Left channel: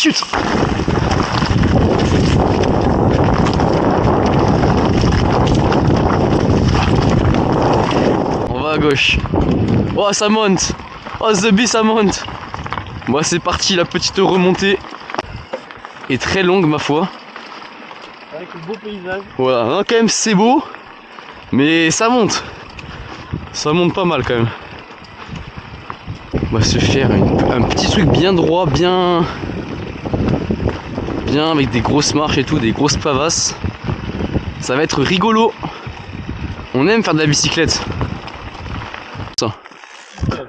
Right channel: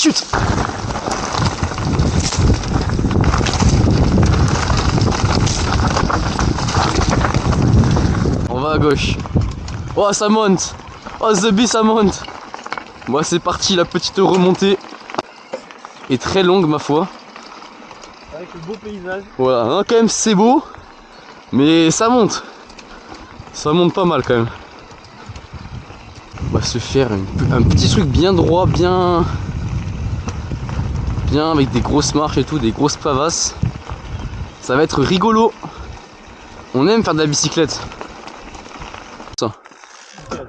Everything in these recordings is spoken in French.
chute. On va à gauche. Oh, ça monte. Oh, The Bee, ça monte. Bon, c'est parti, la petite remontée est très longue, ma foi. Avec le beau paysage. Voilà, hein, quand même, c'est beau. Mais ça monte. Ça monte pas mal, quand même. On va se faire un petit truc bien droit, bien avec des grosses marches et tout, des grosses pavasses. Ça va être rigolo. On aime faire de la bicyclette. Ça.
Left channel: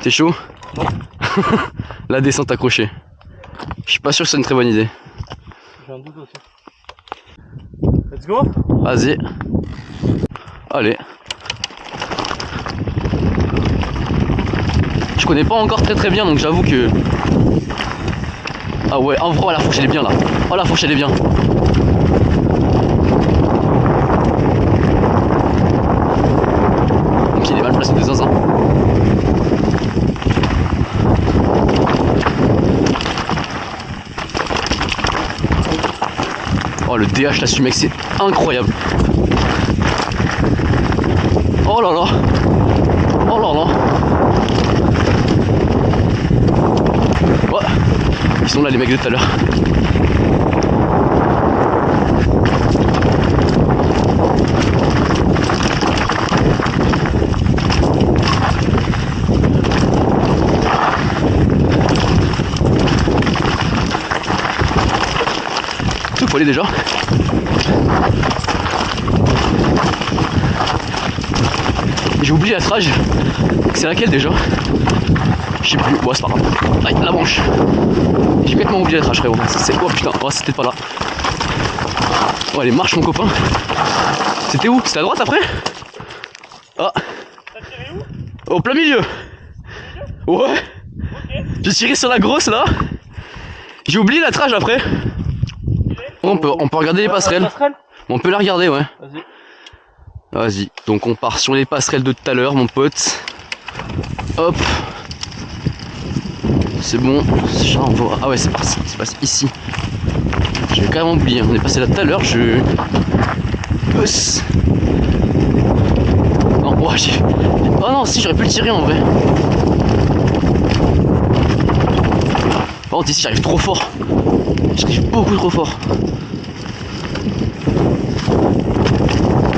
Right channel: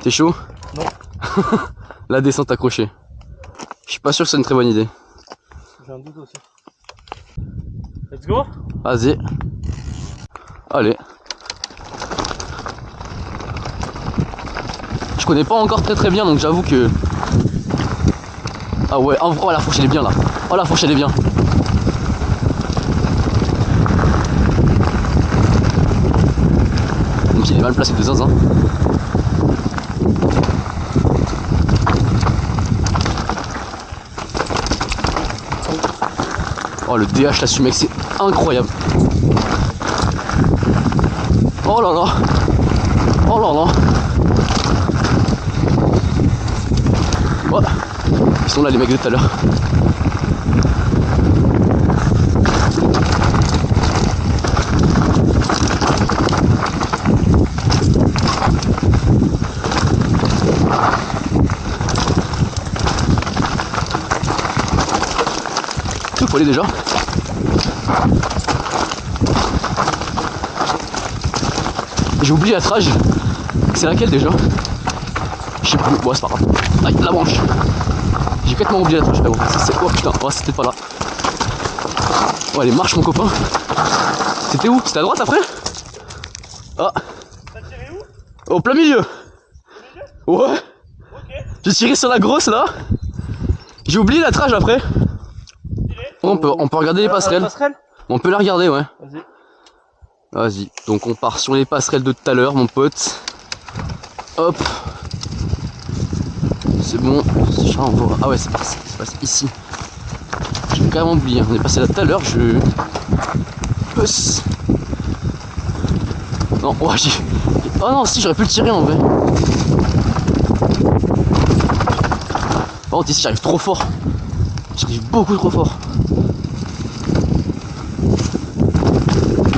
T'es chaud? Non. La descente accrochée. Je suis pas sûr que c'est une très bonne idée. J'ai un doute aussi. Let's go. Vas-y. Allez. Je connais pas encore très bien, donc j'avoue que... Ah ouais, en vrai, la fourche elle est bien là. Oh, la fourche elle est bien. Mon pied il est mal placé de zinzin. Oh, le DH là-dessus, mec, c'est incroyable. Oh là là. Oh là là. Oh. Ils sont là les mecs de tout à l'heure. Tout faut aller déjà. J'ai oublié la trage. C'est laquelle déjà? Je sais plus. Bon, c'est pas grave. Aïe, la branche. J'ai complètement oublié la trage, frérot. Oh putain, oh, c'était pas là. Oh, allez, marche, mon copain. C'était où? C'était à droite après? Ah. T'as tiré où? Au plein milieu. Ouais. Ok. J'ai tiré sur la grosse là. J'ai oublié la trage après. On peut regarder les passerelles. On peut la regarder, ouais. Vas-y. Vas-y. Donc on part sur les passerelles de tout à l'heure, mon pote. Hop. C'est bon. On va... Ah ouais, c'est passé ici. J'avais carrément oublié. On est passé là tout à l'heure. Non, oh, oh non, si, j'aurais pu le tirer en vrai. Par contre, ici, j'arrive trop fort. J'arrive beaucoup trop fort.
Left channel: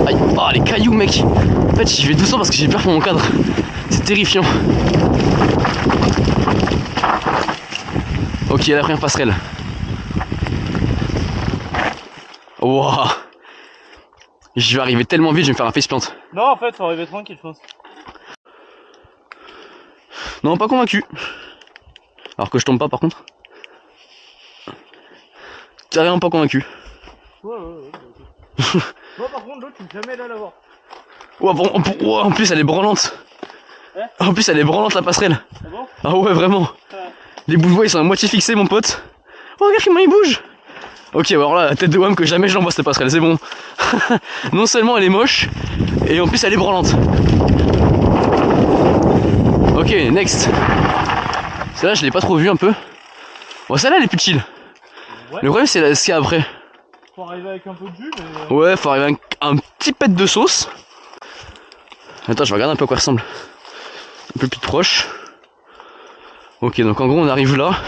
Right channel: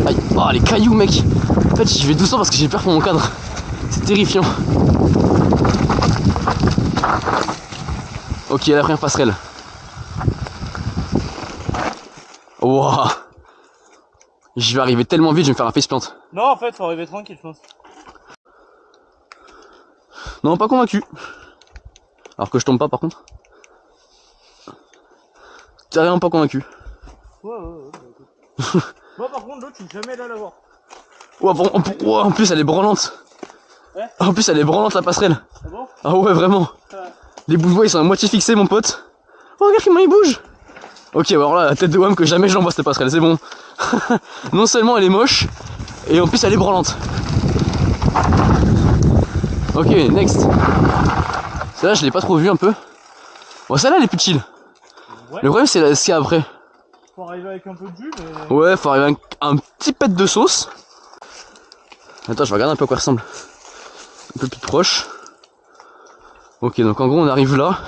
Aïe, oh, les cailloux, mec. En fait, j'y vais doucement parce que j'ai peur pour mon cadre. C'est terrifiant. Ok, la première passerelle. Wouah. Je vais arriver tellement vite, je vais me faire un faceplant. Non, en fait, faut arriver tranquille, je pense. Non, pas convaincu. Alors que je tombe pas, par contre. Carrément pas convaincu. Ouais. Moi, par contre, l'autre, je suis jamais là l'avoir. Ouais, bon, en plus, elle est branlante. Hein? En plus, elle est branlante, la passerelle. Ah bon? Ah ouais, vraiment. Les bouts de bois, ils sont à moitié fixés, mon pote. Oh, regarde comment il bouge. Ok, alors là, la tête de Wham que jamais je l'envoie cette passerelle, c'est bon. Non seulement elle est moche, et en plus elle est branlante. Ok, next. Celle-là, je l'ai pas trop vue un peu. Bon, celle-là, elle est plus chill. Ouais. Le problème, c'est ce qu'il y a après. Faut arriver avec un peu de jus, mais... Ouais, faut arriver avec un petit pet de sauce. Attends, je vais regarder un peu à quoi elle ressemble. Un peu plus proche. Ok, donc en gros, on arrive là.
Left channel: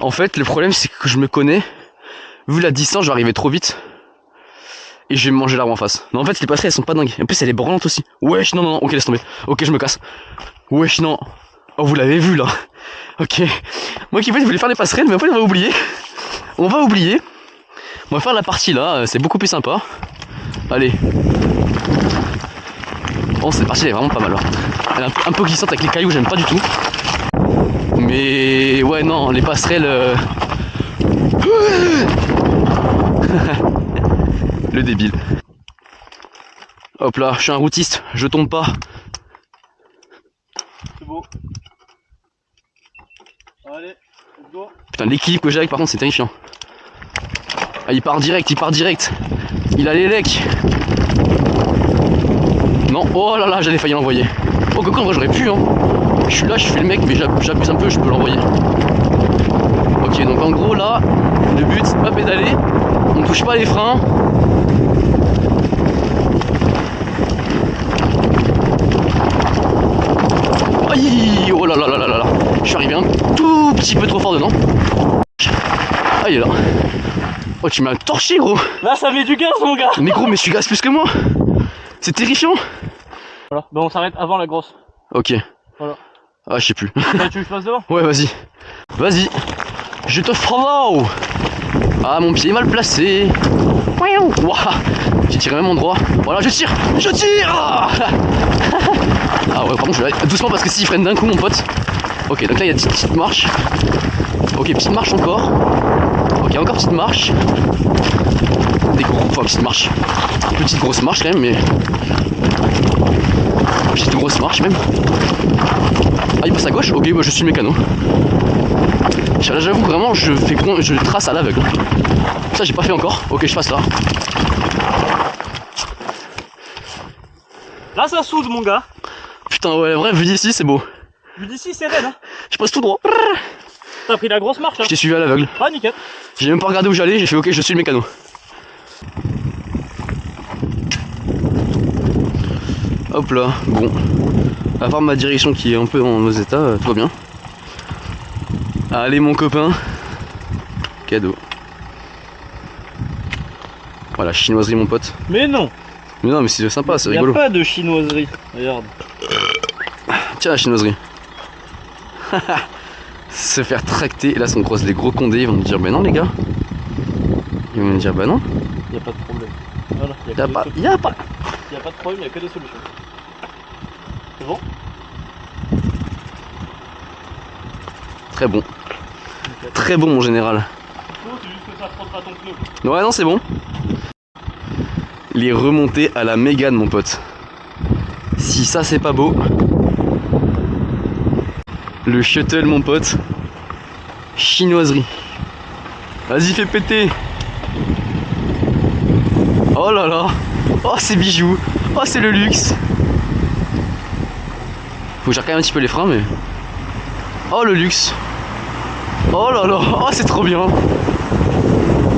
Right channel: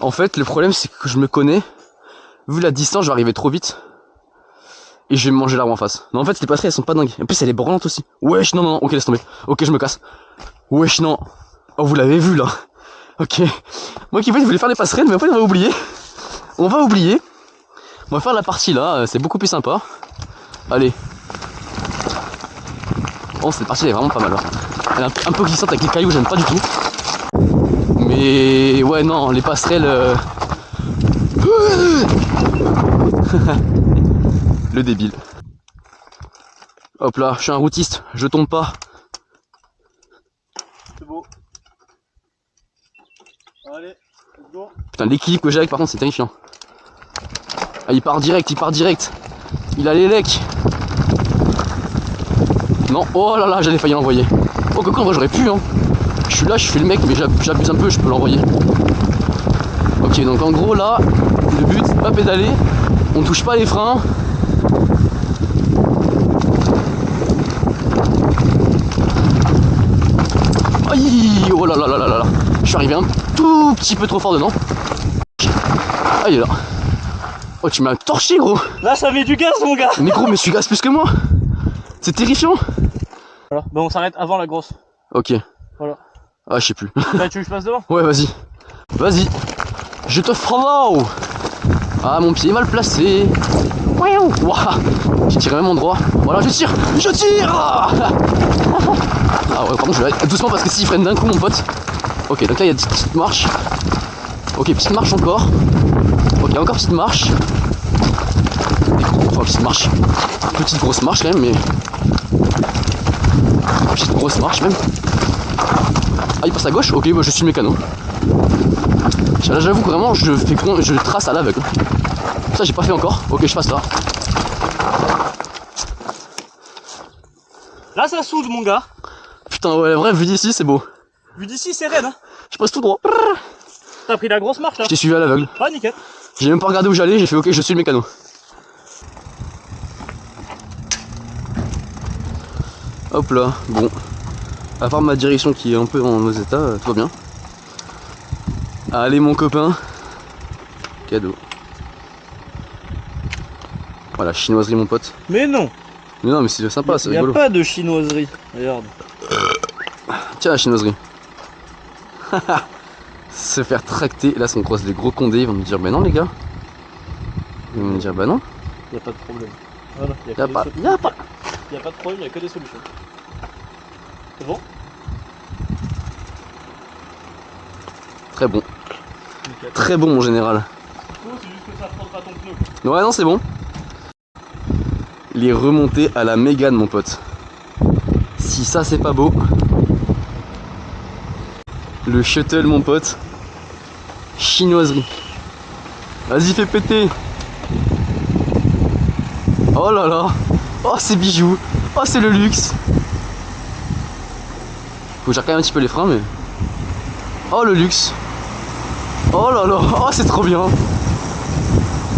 En fait, le problème, c'est que je me connais. Vu la distance, je vais arriver trop vite. Et je vais me manger l'arbre en face. Non, en fait, les passerelles, elles sont pas dingues. En plus, elle est branlante aussi. Wesh, non, ok, laisse tomber. Ok, je me casse. Wesh, non. Oh, vous l'avez vu, là. Ok. Moi qui voulais faire les passerelles, mais en fait, on va oublier. On va faire la partie là, c'est beaucoup plus sympa. Allez. Bon, cette partie elle est vraiment pas mal. Hein. Elle est un peu glissante avec les cailloux, j'aime pas du tout. Mais ouais, non, les passerelles... Le débile. Hop là, je suis un routiste, je tombe pas. C'est beau. Allez, let's go. Putain, l'équilibre que j'ai avec par contre c'est terrifiant. Ah, il part direct. Il a les lecs. Non, oh là là, j'allais failli l'envoyer. Oh, coco, en vrai j'aurais pu, hein. Je suis là, je fais le mec, mais j'abuse un peu, je peux l'envoyer. Ok, donc en gros là, le but c'est pas pédaler, on touche pas les freins. Aïe, oh là là là là là là. Je suis arrivé un tout petit peu trop fort dedans. Ah il est là. Oh tu m'as torché gros. Là ça met du gaz mon gars. Mais gros mais tu gazes plus que moi. C'est terrifiant. Voilà, bon on s'arrête avant la grosse. Ok. Voilà. Ah je sais plus. Là, tu veux que je passe devant? Ouais vas-y. Vas-y. Je te follow. Ah mon pied est mal placé. Ouah. J'ai tiré même endroit. Voilà je tire. Je tire. Ah ouais pardon je vais aller doucement parce que s'il freine d'un coup mon pote. Ok donc là il y a une petite marche. Ok petite marche encore. Ok encore petite marche. Des gros, enfin petite marche. Petite grosse marche quand même mais. Petite grosse marche même. Ah il passe à gauche. Ok bah je suis le mécano. Là j'avoue vraiment je trace à l'aveugle. Ça j'ai pas fait encore. Ok je passe là. Là ça soude mon gars. Putain ouais vrai vu d'ici c'est beau. Vu d'ici c'est raide hein. Je passe tout droit. T'as pris la grosse marche là. Je t'ai suivi à l'aveugle. Ah nickel. J'ai même pas regardé où j'allais, j'ai fait ok je suis le mécano. Hop là, bon. À part ma direction qui est un peu dans nos états, tout va bien. Allez mon copain. Cadeau. Voilà, chinoiserie mon pote. Mais non. Mais non mais c'est sympa, c'est rigolo. Y'a pas de chinoiserie. Regarde. Tiens la chinoiserie. Se faire tracter, et là si on croise les gros condés, ils vont nous dire bah non les gars. Ils vont nous dire bah non. Y'a pas de problème. Voilà, Y'a pas de problème, y'a que des solutions. C'est bon? Très bon. Très bon mon général. C'est juste que ça frottera ton pneu. Ouais non c'est bon. Les remontées à la Mégane mon pote. Si ça c'est pas beau. Le shuttle mon pote. Chinoiserie. Vas-y fais péter. Oh là là. Oh c'est bijoux. Oh c'est le luxe. Faut que je recaille un petit peu les freins mais. Oh le luxe. Oh là là. Oh c'est trop bien.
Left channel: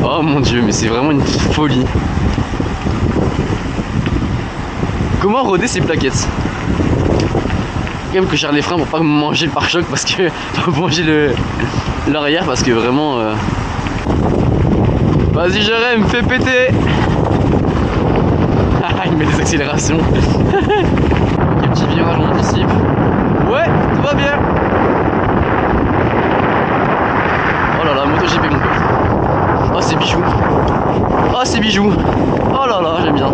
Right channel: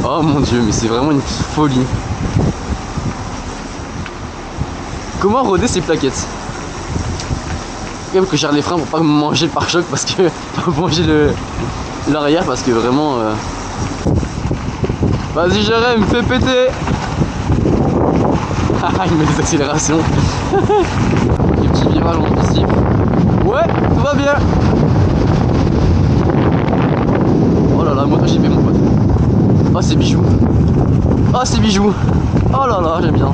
Oh mon dieu mais c'est vraiment une folie. Comment roder ces plaquettes? Quand même que je gère les freins pour pas me manger le pare-choc parce que. Pas manger l'arrière parce que vraiment. Vas-y Jérém, fais péter. Il met des accélérations. Ok, petit virage, on anticipe. Ouais, tout va bien. Oh là là, MotoGP mon pote. Oh c'est bijoux. Oh c'est bijoux. Oh là là, j'aime bien.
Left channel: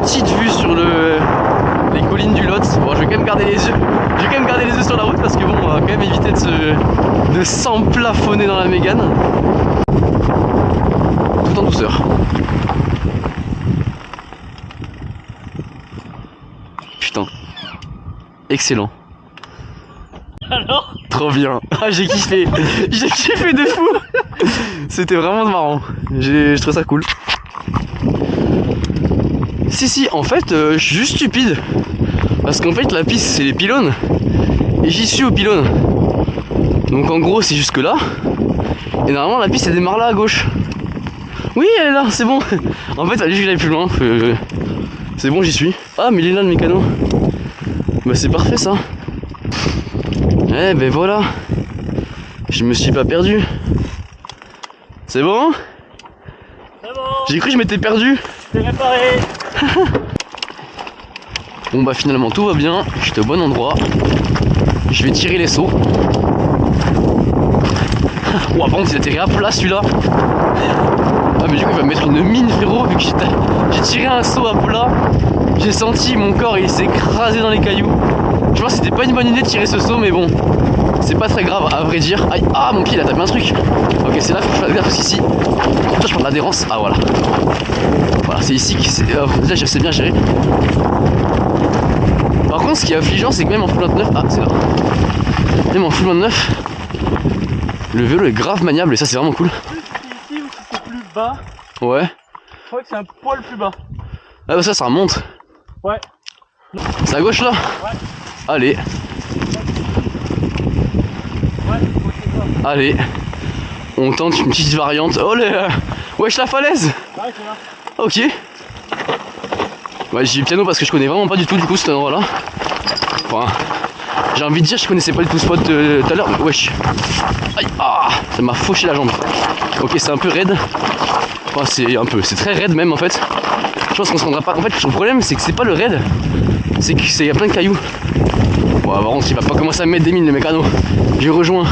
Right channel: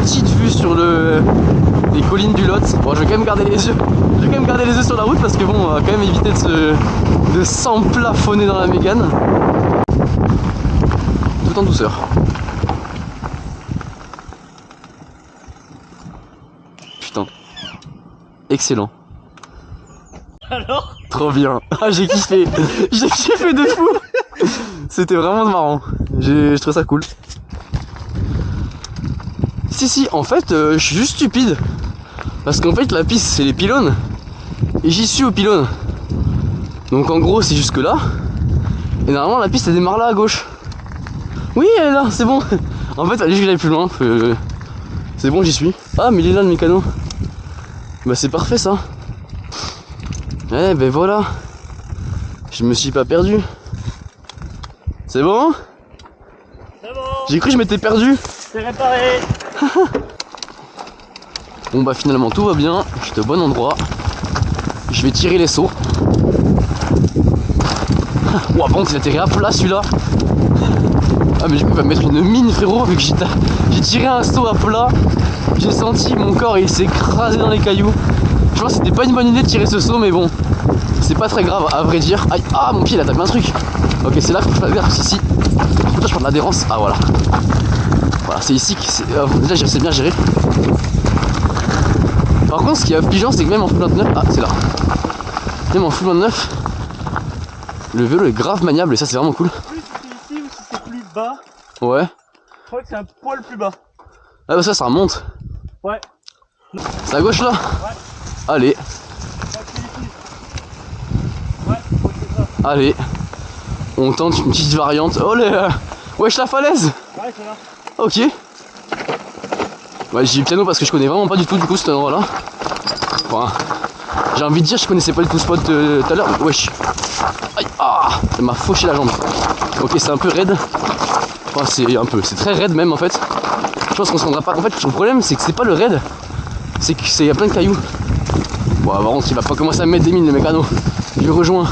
Petite vue sur les collines du Lot. Bon je vais quand même garder les yeux. Je vais quand même garder les yeux sur la route parce que bon on va quand même éviter de s'emplafonner dans la Mégane. Tout en douceur. Putain. Excellent. Alors? Trop bien. Ah j'ai kiffé. J'ai kiffé de fou. C'était vraiment marrant. Je trouve ça cool. Si en fait je suis juste stupide. Parce qu'en fait la piste c'est les pylônes. Et j'y suis aux pylônes. Donc en gros c'est jusque là. Et normalement la piste elle démarre là à gauche. Oui elle est là, c'est bon. En fait fallait que j'aille plus loin. C'est bon j'y suis. Ah mais il est là le mécano. Bah c'est parfait ça. Eh ben voilà. Je me suis pas perdu. C'est bon? C'est bon. J'ai cru que je m'étais perdu. C'est réparé. Bon bah finalement tout va bien. Je suis au bon endroit. Je vais tirer les sauts. Ouah par contre il a atterri à plat celui-là. Ah mais du coup il va me mettre une mine frérot vu que j'ai tiré un saut à plat. J'ai senti mon corps il s'est écrasé dans les cailloux. Je pense que c'était pas une bonne idée de tirer ce saut mais bon. C'est pas très grave à vrai dire. Aïe, ah mon pied il a tapé un truc. Ok c'est là qu'il faut que je fasse gaffe parce qu'ici. Je prends de l'adhérence. Ah voilà. Voilà c'est ici que c'est. Déjà c'est bien géré. Par contre ce qui est affligeant c'est que même en full 29. Ah c'est là. Même en full 29. Le vélo est grave maniable et ça c'est vraiment cool. Plus c'est ici ou si c'est plus bas. Ouais. Je crois que c'est un poil plus bas. Ah bah ça remonte. Ouais. C'est à gauche là? Ouais. Allez. Ouais Allez, on tente une petite variante. Oh les... Wesh la falaise. Ouais, tu vois. Ok. Ouais, j'ai eu piano parce que je connais vraiment pas du tout du coup cet endroit là. Enfin, j'ai envie de dire je connaissais pas du tout ce spot tout à l'heure. Wesh. Aïe, ah, ça m'a fauché la jambe. Ok, c'est un peu raide. Enfin c'est très raide même en fait. Je pense qu'on se rendra pas. En fait le problème c'est que c'est pas le raid. C'est qu'il y a plein de cailloux. Bon par contre il va pas commencer à me mettre des mines le mécano. Je rejoins.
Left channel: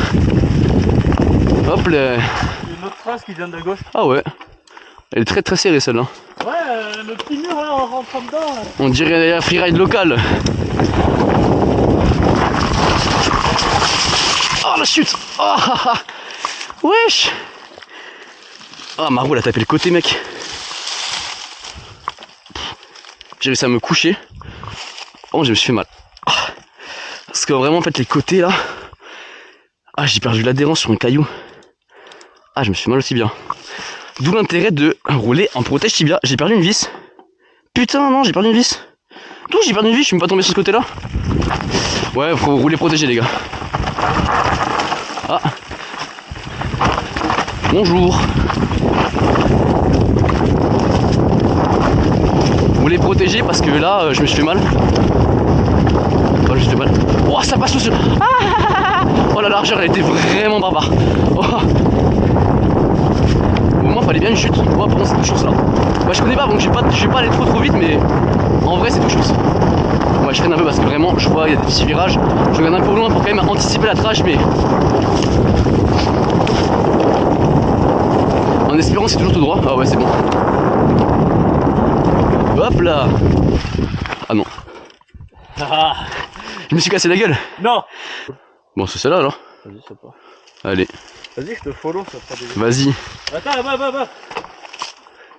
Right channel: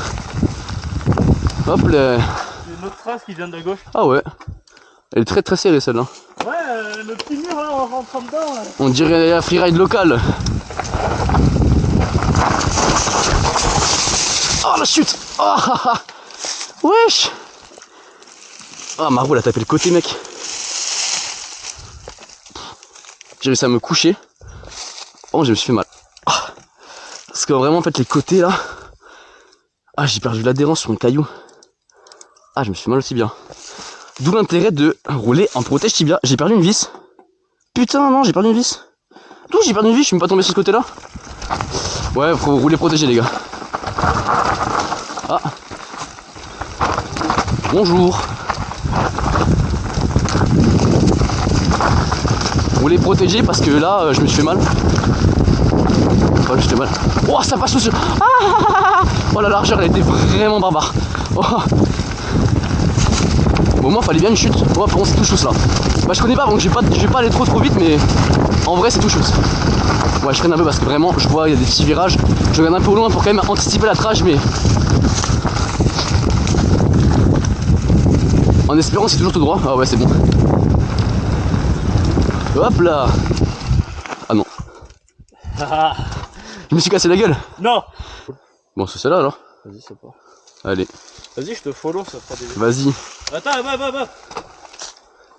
Hop là. Il y a une autre trace qui vient de la gauche. Ah ouais. Elle est très très serrée celle-là. Ouais, le petit mur là, en rentrant dedans. Là. On dirait un freeride local. Oh la chute. Oh, ah, ah. Wesh. Ah ma roue elle a tapé le côté mec. J'ai réussi à me coucher. Oh je me suis fait mal. Parce que vraiment en fait les côtés là. Ah j'ai perdu l'adhérence sur un caillou. Ah je me suis fait mal aussi bien. D'où l'intérêt de rouler en protège tibia. J'ai perdu une vis. Putain non j'ai perdu une vis. D'où j'ai perdu une vis, je suis même pas tombé sur ce côté là. Ouais faut rouler protégé les gars. Ah. Bonjour. Rouler protégé parce que là je me suis fait mal. Enfin je me suis fait mal. Oh ça passe sous. Ah oh la largeur elle était vraiment barbare. Oh. Au moment fallait bien une chute. Oh par contre c'est tout chose là. Bah je connais pas donc je vais pas aller trop vite mais en vrai c'est tout chose. Ouais je freine un peu parce que vraiment je vois il y a des petits virages. Je regarde un peu au loin pour quand même anticiper la trage mais en espérant c'est toujours tout droit. Ah ouais c'est bon. Hop là. Ah non. Je me suis cassé la gueule. Non. Bon c'est celle-là alors. Vas-y c'est pas. Allez. Vas-y je te follow ça fera des. Vas-y. Attends bah.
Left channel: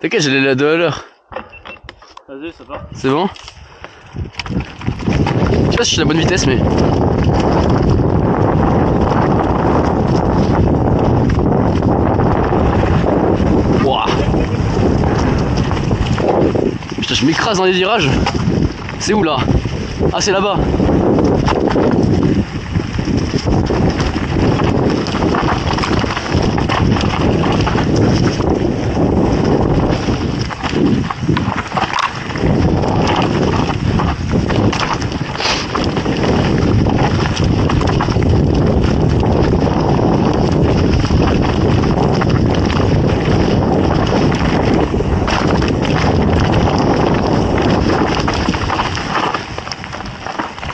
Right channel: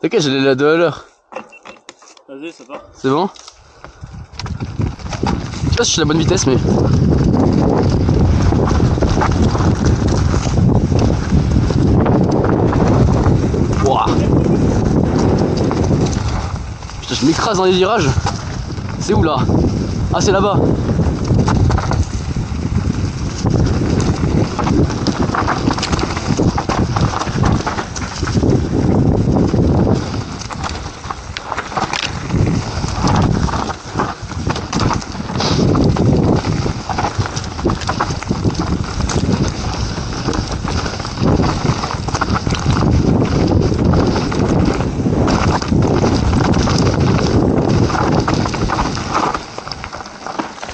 T'inquiète j'ai les deux à l'heure. Vas-y c'est pas. C'est bon? Je sais pas si je suis à la bonne vitesse mais. Wouah. Putain je m'écrase dans les virages. C'est où là? Ah c'est là-bas.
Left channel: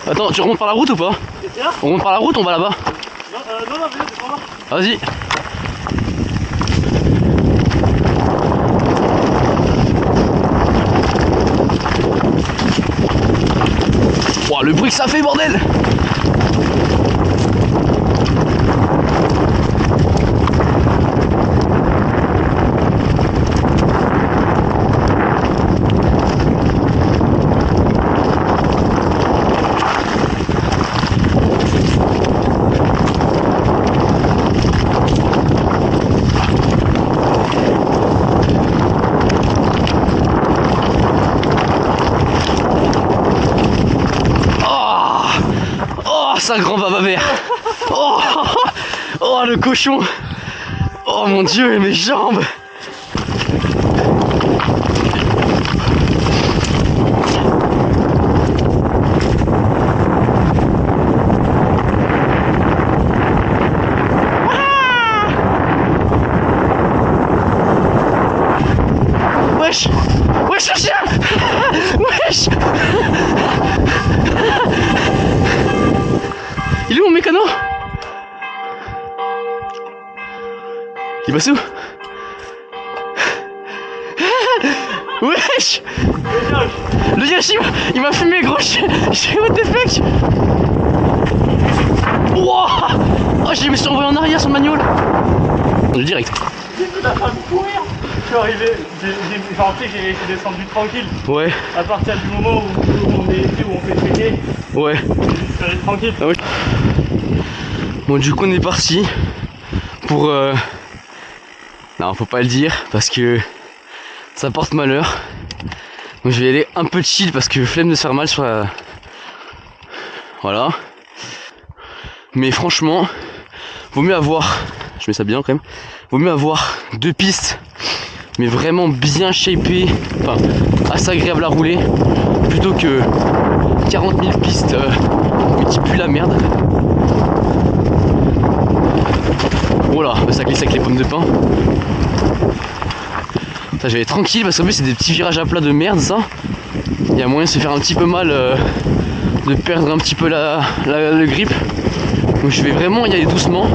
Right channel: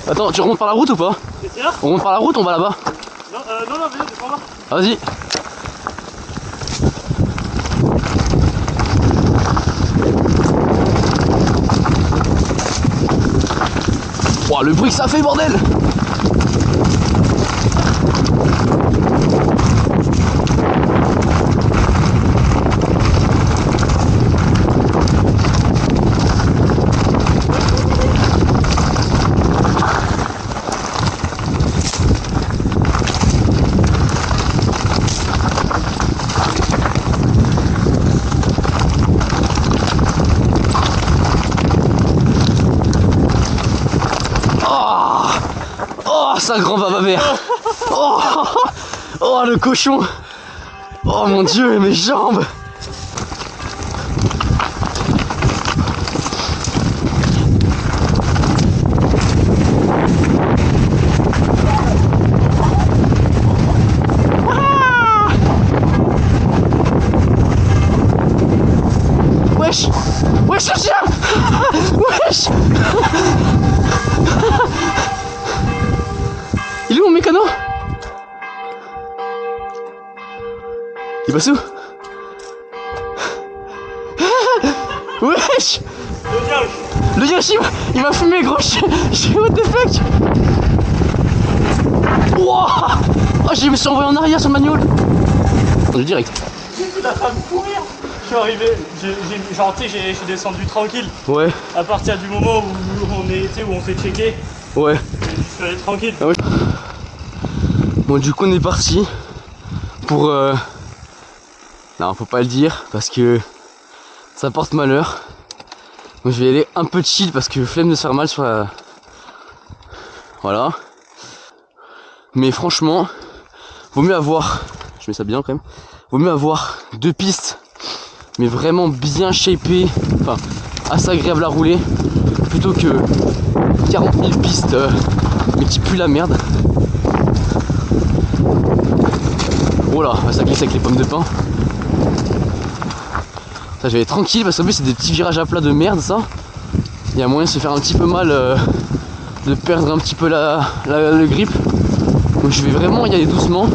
Attends, tu remontes par la route ou pas? On remonte par la route, on va là-bas. Non, vas-y, c'est pas moi. Vas-y. Wow, le bruit que ça fait, bordel! Oh, ça grand baba vert. Oh, oh, le cochon. Oh mon dieu, mes jambes. Wesh. Wesh le chien. Wesh. Il est où mon mécano? Il passe où? Wesh. Le Yoshi il m'a fumé gros. J'ai what the fuck. Wow. Oh je me suis envoyé en arrière sur le manual. Du direct. J'ai vu la femme courir. Je suis arrivé, j'ai descendu tranquille. Ouais. À partir du moment où on est été, où on fait checker. Ouais. Je suis allé tranquille. Ah ouais. Bon du coup on est parti pour non faut pas le dire parce que ça porte malheur. Donc je vais aller un peu chill parce que flemme de se faire mal sur la... Voilà. Mais franchement, vaut mieux avoir, je mets ça bien quand même, vaut mieux avoir 2 pistes mais vraiment bien shapées, enfin assez agréable à rouler, plutôt que 40 000 pistes mais qui puent la merde. Voilà, ça glisse avec les pommes de pin. Ça, je vais être tranquille parce qu'en plus c'est des petits virages à plat de merde ça. Il y a moyen de se faire un petit peu mal, de perdre un petit peu le grip. Donc je vais vraiment y aller doucement.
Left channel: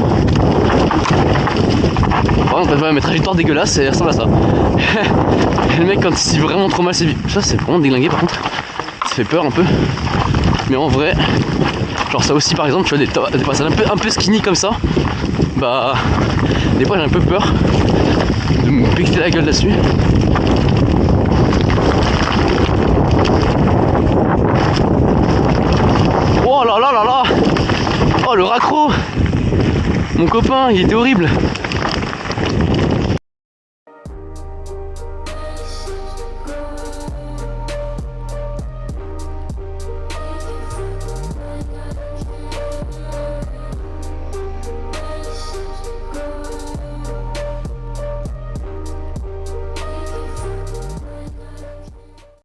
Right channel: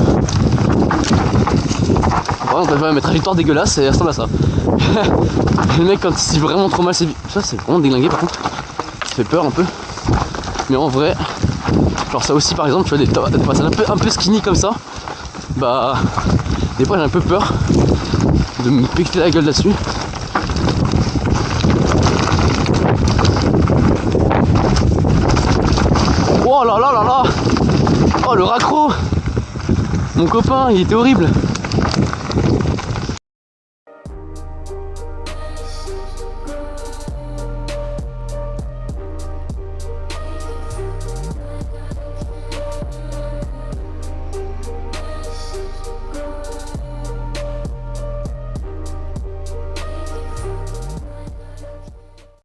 Par contre, mes trajectoires dégueulasses, ça ressemble à ça. Le mec quand il s'y vraiment trop mal, ça c'est vraiment déglingué par contre. Ça fait peur un peu. Mais en vrai, genre ça aussi par exemple, tu vois des passages un peu skinny comme ça. Bah des fois j'ai un peu peur de me péter la gueule là-dessus. Oh là là là là. Oh le raccro. Mon copain il était horrible.